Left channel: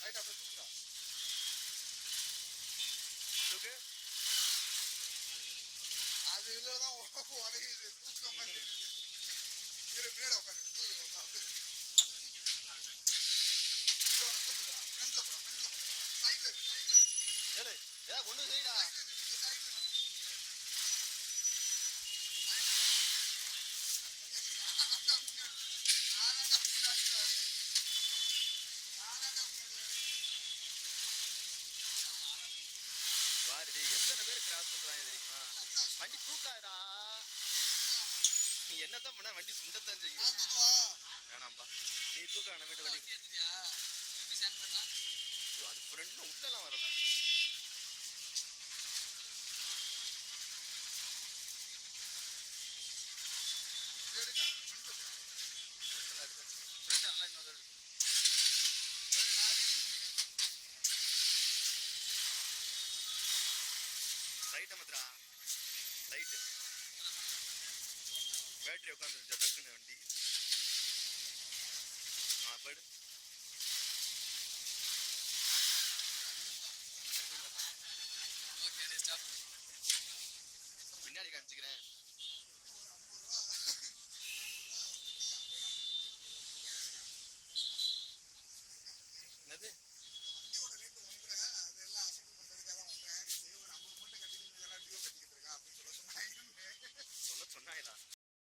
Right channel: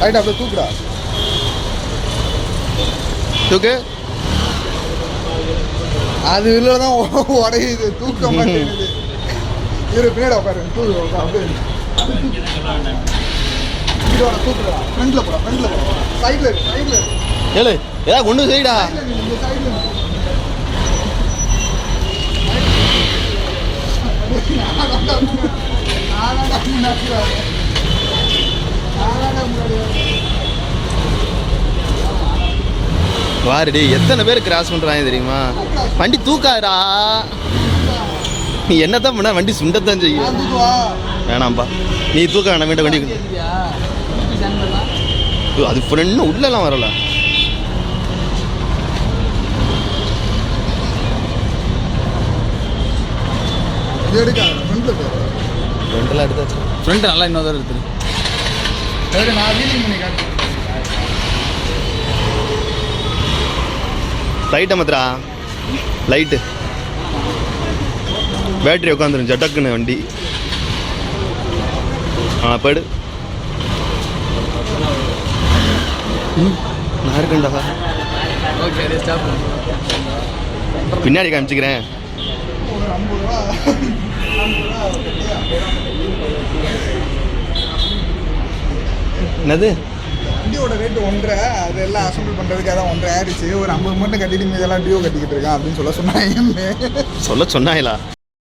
Right அப்படியே தூக்குடா. தூக்கு. அது இல்லை தான் உடையுது, தூக்க மாட்டேங்குது. இரு பின்னாடி உட்காரு, தூக்கு அப்படியே தூக்குடா. ஃப்ரண்ட்ல போடா, ஃப்ரண்ட்ல போடா, சைட்ல இருக்கு, சைட்ல இருக்கு. ஏழு ஏதாவது கொண்டு செய்டா. இந்த சைட்ல வாருடி, எத்தனை பேர் கிராஸ் பண்ணுறாங்க தெரியுமா? வண்டி தூக்காதடா. நீ என்னத்தான் பண்ண, வண்டி சுண்டத்தான் செய்யும். வேணாம்பா, நீ தூக்க வேணாம். வேண்டாம் வண்டி அது இன்னும் உள்ளெல்லாம் வரல. ஃப்ரெண்டெல்லாம் எடுத்தாச்சு. ஃப்ரெண்டு நல்லா இன்னொரு தடவை எடுத்துரு. லைட்டை மாத்திரா, லைட்டு பேட்டரி உட்காந்துரும் ஜட்டக்குன்னு வண்டி. போய்டு. நான் இருக்கேன்டா. ஓகே, அதே ஸ்டாப். பின்னாடி காமிச்சிக்கிறேன். என்னது வண்டியோட ரேட்டு 1.5. அதெல்லாம் அசம்பிள் பண்ணுறதுக்கு அதான் 1.5 ஆயிடுச்சு. ஒரு 50 மட்டும் கட்டிட்டு மீதெல்லாம் டியூ கட்டிக்கிட்டு இருக்கான் அப்படின்னு சொன்னாங்க. சொல்ல சொன்னாங்களா?